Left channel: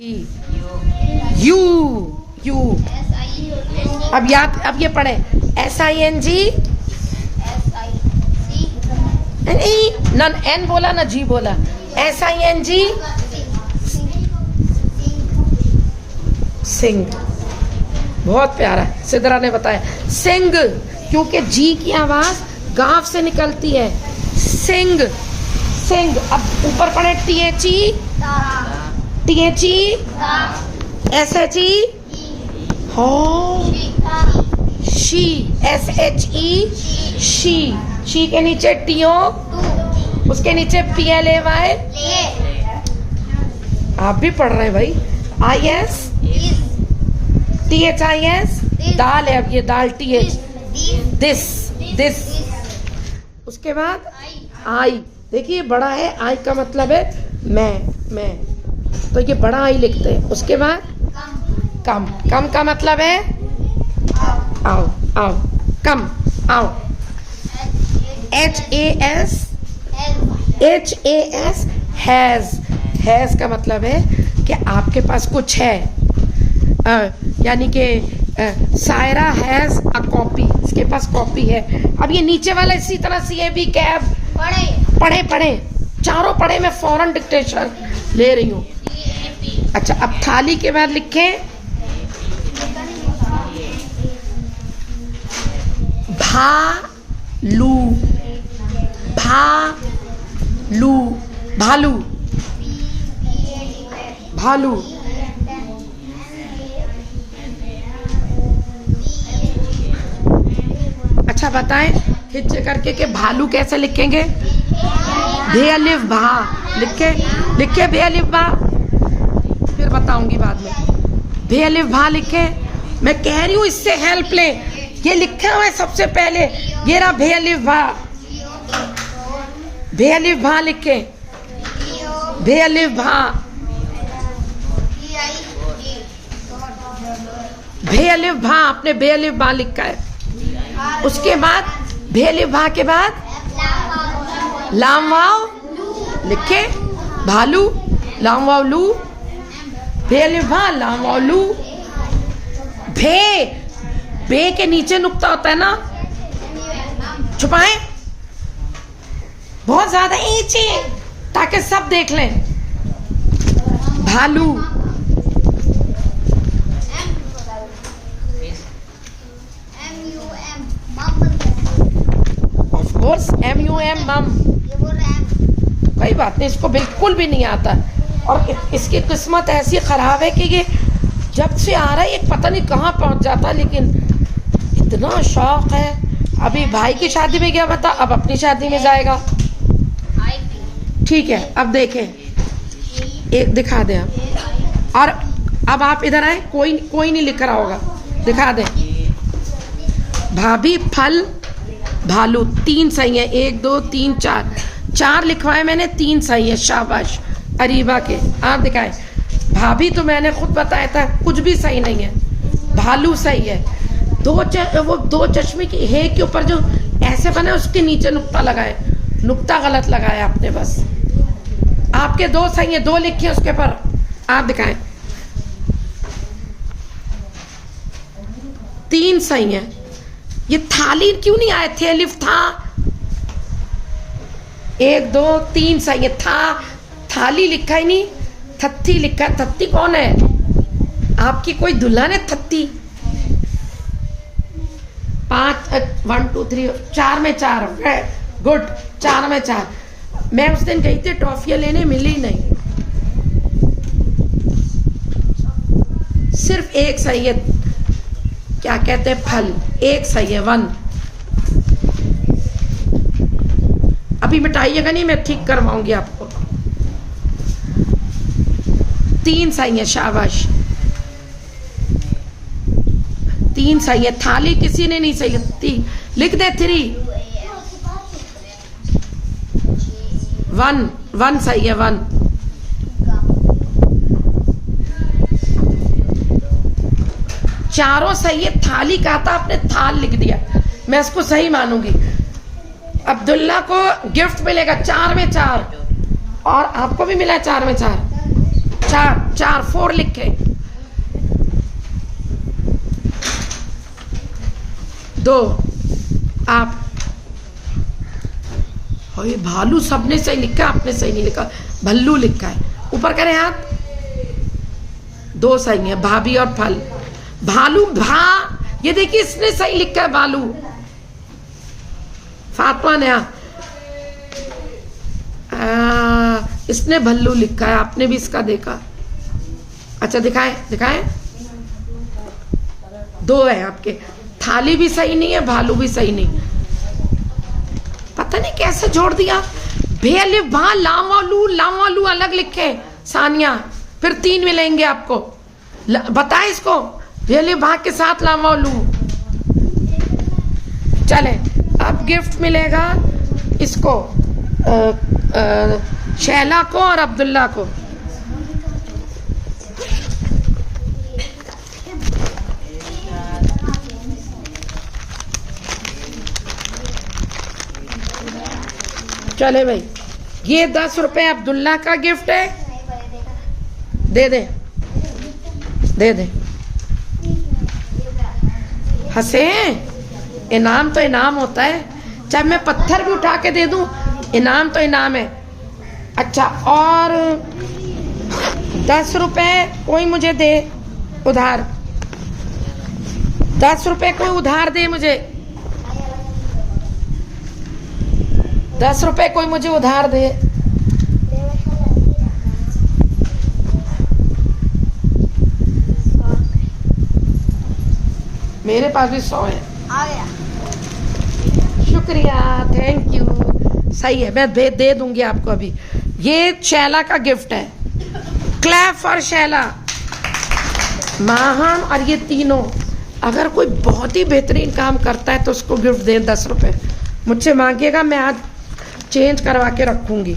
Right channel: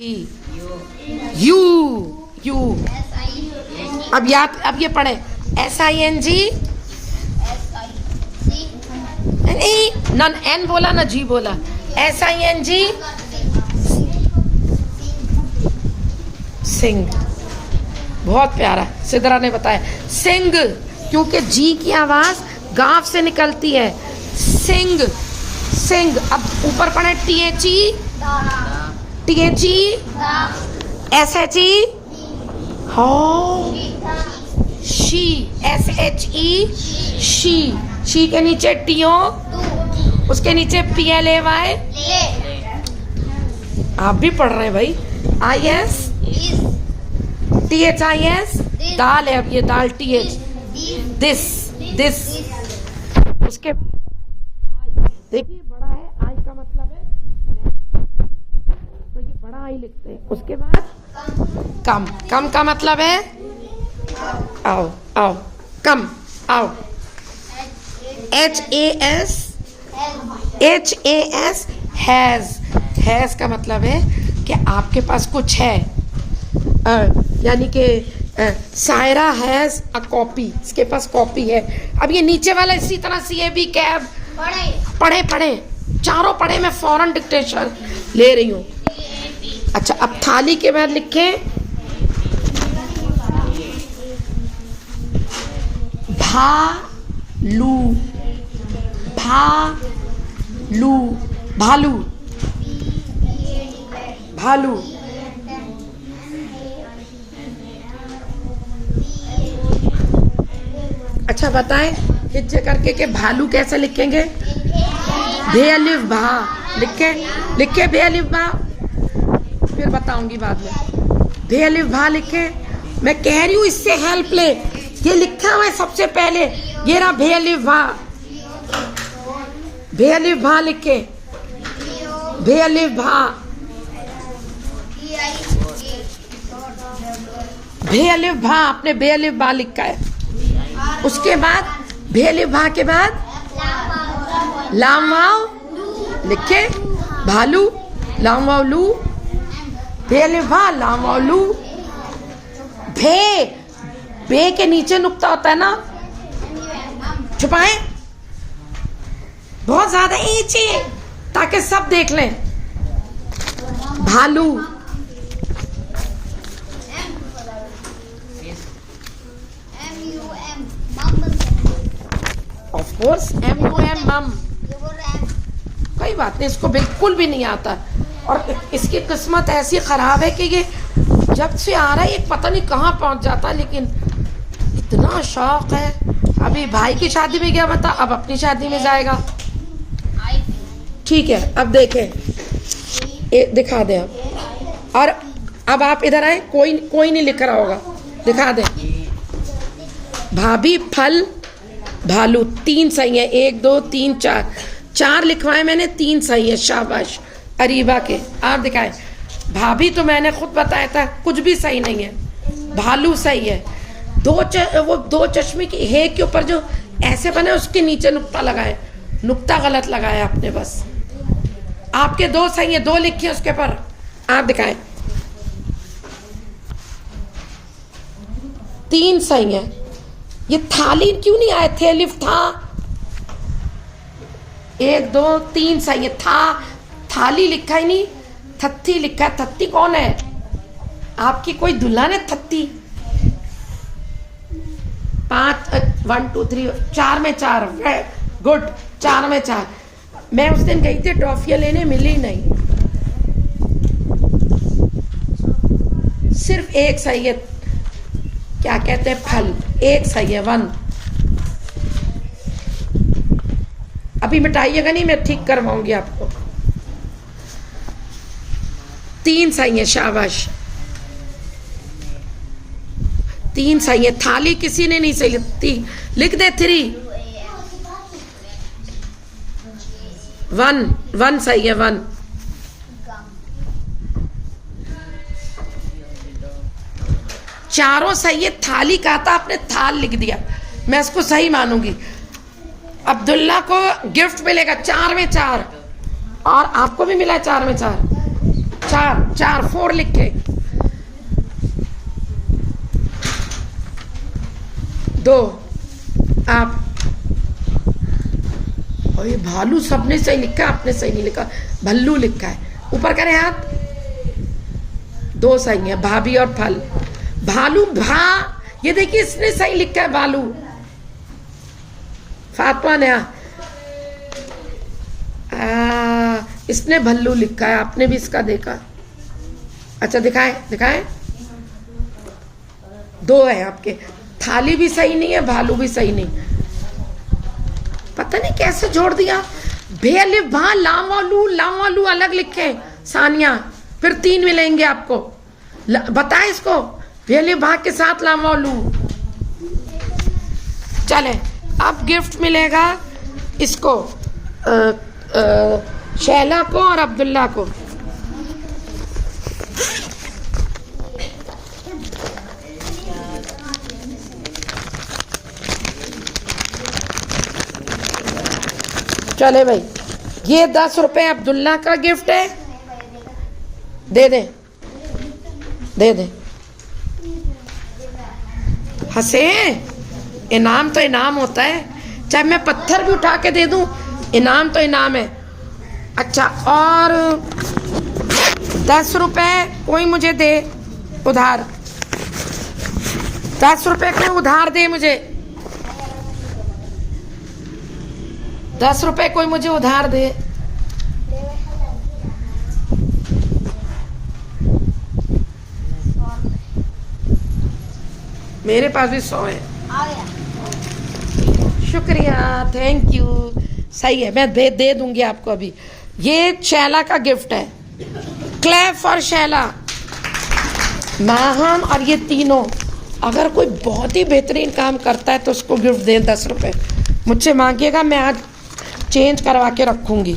You you. अब याद, अब ये पढ़े SING। नन N बोला ना G बोला। SING सिंग। बहुत प्यारा सिद्रा ने बताया सिंग, क्योंकि G की आवाज गांव से निकलती है। सिंग सिंग। अब ऊपर पढ़े THE SHE हो शी SHE शी। शी के नीचे TO, उसके नीचे PLAY। आप भी पढ़ रहे हैं भाई। IS THIS दाल है, अब ये दाल TH दिस दिस। उसके बाद आई, देखिए बड़ा है, आई का मतलब है मैं, तो ये बड़ा आई लिखते हैं। उसके बाद कम, कम का मतलब है आओ आओ, कम आओ। HAS हैज का मतलब है कि आपके पास कुछ है, यानी कि सायरा हैज अ कॉपी, इसके पास कॉपी है। अब ये नीचे वाला इसी तरह CAB कैब पढ़े चारों पढ़े, मैं फौरन डिक्टेशन ले रही हूँ। अच्छा, अब थाली के बाद लिखें भालू भालू भालू भालू। अच्छा बताएं हिज्जे करके कि भालू कैसे लिखेंगे? भे अलिफ भा लिखे भे अलिफ भा, फिर बताऊंगी बाद में। भे अलिफ भा लिखे, मैं कह रही हूं इससे हेल्प ले। ये लिखा हुआ है सबसे पहले, ये रहा भे अलिफ भा। भे अलिफ भा लिखे, भे अलिफ भा, भे अलिफ भा, आपने भे अलिफ भा लिखा है। उसके बाद भे अलिफ भा के बाद लाम वाव लिखे, भालू लाम वाव लू, भे अलिफ भा लाम वाव लू। भे के नीचे नुक्ता होता है ना, छुपाएं बहुत ज्यादा नीचे ताकि सब देख लें। भालू ऑफ कोर्स MUM मम। कोई बात नहीं, इसको बिल्कुल भी नहीं आता। और इसकी किस्मत ऐसी खराब है कि ये जब से आ रहा है ये पता नहीं कहाँ पहुंच जाता है, लेकिन इतना शौक है। अभी भाई की शादी में गया बता, अब अपनी शादी में जाएगा। ठीक है, अब देखें, एक दिखा दे आप। और अब आप इधर आए, कोई नहीं लिख रहा होगा, दिखा दे। भाभी फल भालू, 3 सही है। 1 2 3 4 लिखवाए मैंने, 3 सही है। शाबाश अरीबा के, आप दिखाए। भाभी तो मैंने खुद बताया था कुछ भी सही नहीं है, भालू सही है। वो दो चश्मे की हे के ऊपर जो ऐसे बने उसके नीचे नुक्ता लगाए, नुक्ता गलत लगाया आपने बस। आपके 2 सही है, 2 लिखिए उसके पर, आप दिखाएं। 3 सही है। ये थाली क्यों नहीं आए थे? अलिफ था। 1 2 3 सही है। थाली लिखा ही नहीं, थत्ती लिखा। थत्ती कौन है? आपकी कोई दुल्हन है थत्ती? 5 1 2 3 4 में 4 गुड, 4 में 4। मैं उस दिन गई थी टॉफियां लेने, मिली नहीं। सिर्फ 1 सही है, क्या कहते हैं फल, 1 सही है 1। अभी मिटाइएगा नहीं, मैं ठीक करवाऊंगी आपको। 3 सही है, शाबाश। 3 सही है। थाली किसी ने नहीं सही लिखती, लिख दे 3। 1 सही है 1। चारों सही है। थाली कहा था आपने, थाल लिख दिया, मैं इसको सही मानूंगी। अब्दुल्ला को गिफ्ट मिलेगा 4 में 4, और आपको भी मिला 4 में 4। चार 4 लिखे, 2 आप। और ये भालू सबने सही लिखा, आपने सही नहीं लिखा, भल्लू लिखा है। ऊपर करें हाथ, 2 सही है, भाभी और फल। भालू भा, ये देखिए इसने सही लिखा है भालू। फातमा ने इसने भल्लू लिखा है, आपने भी इसका देखा। अच्छा दिखाए 2 है आपके। थाली भी सही नहीं है, भालू भी सही नहीं, पता नहीं कैसे जोड़ दिया। भेल भा लावालू अलग लिखे सानिया, फिर 3 मिलेंगे आपको। बताएं इसको, भेल भा के साथ लावालू। चले, अब गिफ्ट मिलेगा इसको, शैला को और अब्दुल्ला को। चले भाई, ये 10 रुपए अब्दुल्ला का गिफ्ट है, दे दे। हंसे, इनाम तो इनाम होता है, चाहे मैं पत्थर भी उठा के दे दूं, इनाम तो इनाम है। अच्छा, और 10 रुपए कोई मुझे दे उधार, 10 रुपए कोई उधार दे मुझे, 10 रुपए कोई मुझे उधार दे। मेरे पास भी 100 है। शुक्रिया, थैंक यू। सही है, मैं दे दूंगी आपको अभी। ये शैला का गिफ्ट है, क्लैप फॉर शैला। माहम और ये तीनों, अगर कोई बहुत ही बेहतरीन काम करता है तो उसको गिफ्ट दें 10 रुपए। मुझसे मांगिएगा, मैं आज चेंज करवा के रखूंगी।